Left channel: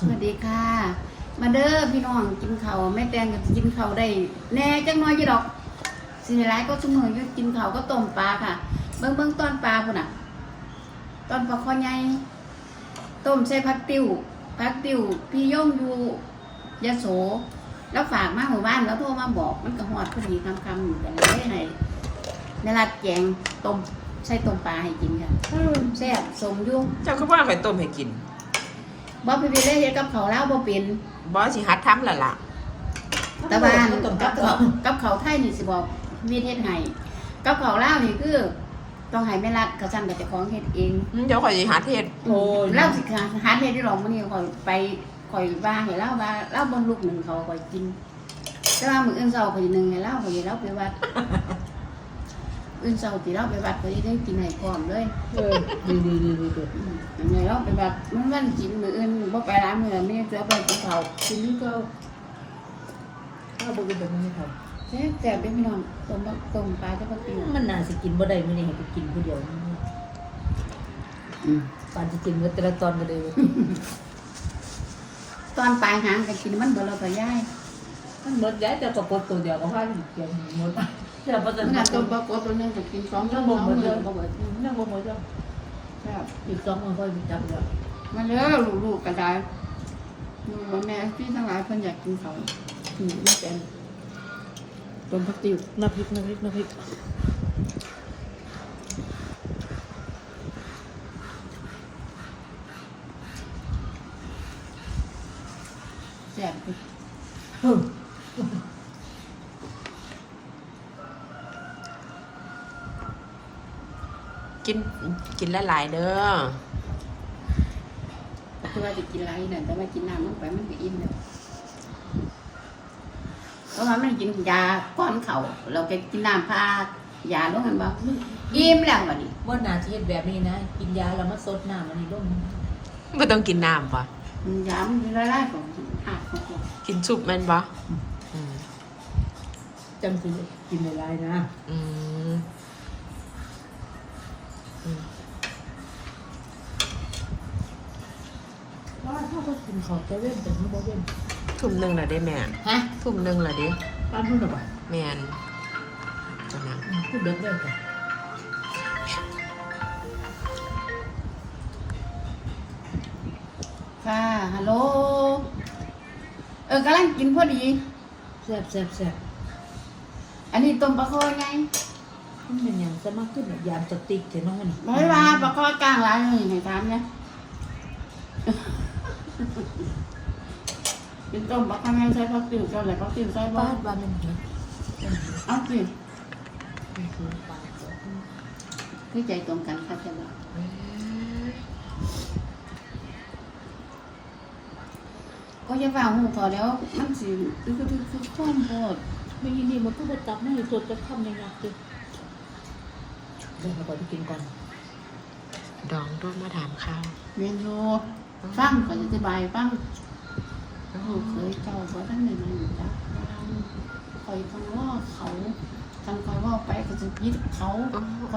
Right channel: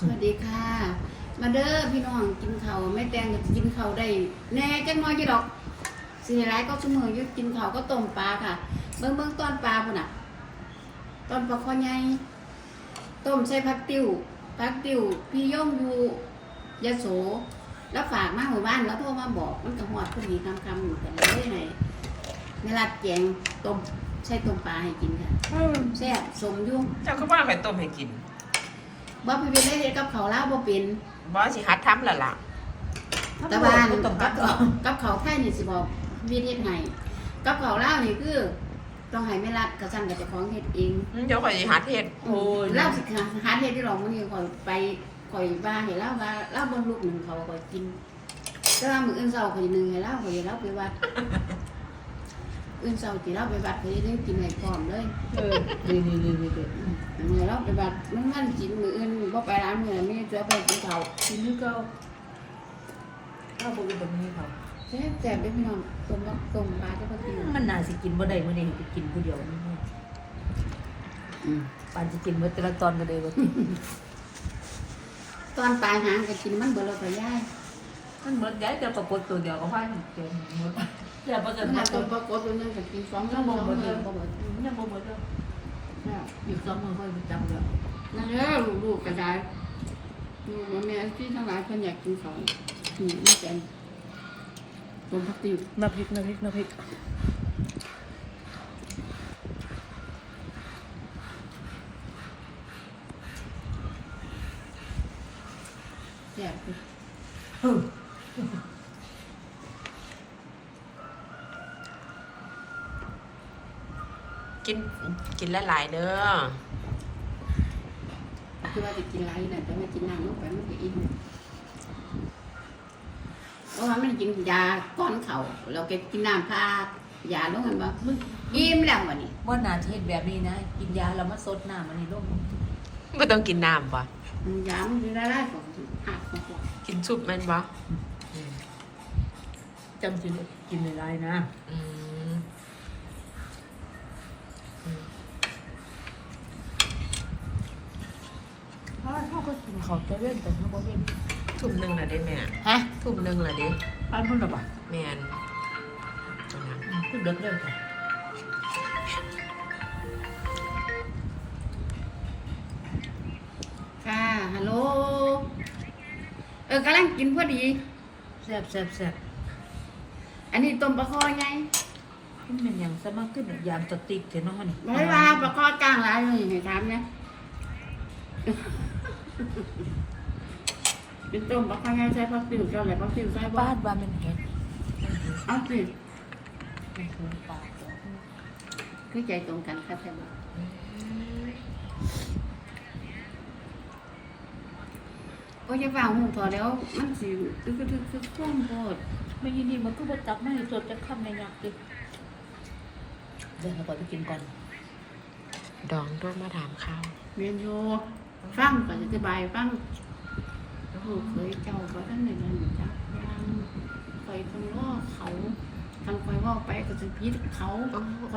สวัสดีค่ะ มาเด้อพี่น้องกินข้าวแม่แตงก็กินข้าวได้ แน่จังน้อยยี่ดอกสิหลายก็ชั่วโมงอยู่กินข้าวก็ต้มปลาค่ะ เบิ่งเบิ่งตอนปลาพุ่นน่ะตอนปลาคอใหญ่ต้มใส่ผักติ้วผักติ้วพี่ย่องอยู่ยะโส แล้วฝากมาหมู่บ้านแล้วโทรมาบอกมันก็ฮอดพอดีคำคำๆอยู่กันเลยให้ในรัดแจงต้มใส่ต้มปลาให้กินค่ะแซ่บสมอยุ่ง เจ้าก็ว่าไปต้มให้กิน บ่ไปเป็นเลยเฮ็ดกับเขาวแล้วบ่เป็นบอสิฮัดทำและล่ะตะบานกับเขากับเขาไทยนี่สิบอกวิเทศไห้กับเขาเล่าวนี่คือ ต้องให้แม่รัดกระสั่นกับเจ้าของเฮ็ดเอง อืมเดี๋ยวข่อยสิฮัดเฮ็ดโอ้ย เล่าสิหาเฮ็ดที่รองมื้อนี้ข่อยไปข่อยว่าให้เล่าว่าเล่าบ่ลูกหนึ่งเขาข่อยกินแต่ว่ามื้ออื่นเช้าข่อยหนึงให้เล่าข่อยสิเล่าไปวัด อื่นเช้าสิเล่าไปวัดข่อยสิได้กินให้พร้อมเลยเออดีดีดีดีดีอืมอันนี้เล่าไปวัดมันวันกินมื้ออื่นบ่ไปร้านมื้อนี้จะไปกินข้าวทีนี้ก็ถ้าดูแบบนี้ค่ะแซ่บแซ่บเด้อพี่น้องต้มต้มปลาจะบ่กินมันน่าสิกินบ่ได้มื้อนี้ให้ไปกินผู้เดียวนี่อืมปานสิกินมื้อแต่ละตอนก็เลยตอนปลายหางก็กินมันเบลอไปย่ายมันหมดยายจะประกบตัวเดียวก็พาสิเกี่ยวหมด แต่บ่ทันน่าตัตัววปลากดตัวนึงก็กินสองชั่วโมงเลยก็เบิดยังบ่หมดจ้ะครับอีก2มื้อค่อยไปจับแล้วมาเด้อลูกๆก็ได้ลูกว่าแม่ที่ทั้งหลายเพิ่นอยากกินเขาอืมไม่เป็นต้มผักติ๋วน้ำพริกน้ำพริกน้ำพริกแซ่บอยู่ ฮึ กินกินหลายๆเด้อคือว่าจะกินหลายนั่นแต่ว่ากินน้ำลงไปมันก็อิ่มแล้วเพราะว่ามันกินยาก้อนเขาเราไปกินน้ำพายาลงกันบ่อิ่มแล้ววันนี้บ่น่าสิเฮ็ดแบบนี้นะ กินยาแล้วมาสดน้ำอันนี้ลงบ่ต้องกินน้ำบ่อืมยามันเป็นละลายของหักของเขากินซุปแม่นบ่อืมจำสิกินอะไรนะอืม ว่าถ้าก็กินของเซเว่นแต่นี่บ่เว้นทุ่มหนึงและเด้แม่ ฮะทุ่มหนึงและเด้ป้ามันน่ะบ่แม่นตัวนั้นคือเด็กเด้อจ้ะค่ะฮัลโหลเออกำลังกินพอดี แซ่บแซ่บแซ่บอันนี้ต้มปลาคอไง มันเป็นอย่างสมัครขึ้นเนี่ยยามจะติกเถอะเนาะมันบอกให้ว่าปลาคอกลางหลายเลยให้ถามเนี่ยเป็นต้มปลาคอไงใช้ผักติวเจ้าไหนผักติวใส่บ่บ้านบ้านมันเห็ดเอาสิคือใจตรงกันค่ะใช่บ่ก็จะฟังหูพอแล้วมันสิคือคือคือท่อมโพดไม่ยินดีมันก็มาจับให้สดจะทำในอยากจิ เดี๋ยวเราไปกินกันดองด้วยมาถามข้าวเวียนโยฟังก่อนจะอธิบายฟังลูกเคยเจ้าบ่ท่านในนั้นจักยังคอยต้องรอเขาทางคอยว่าไปก็จะยึดเขาอ๋อคอย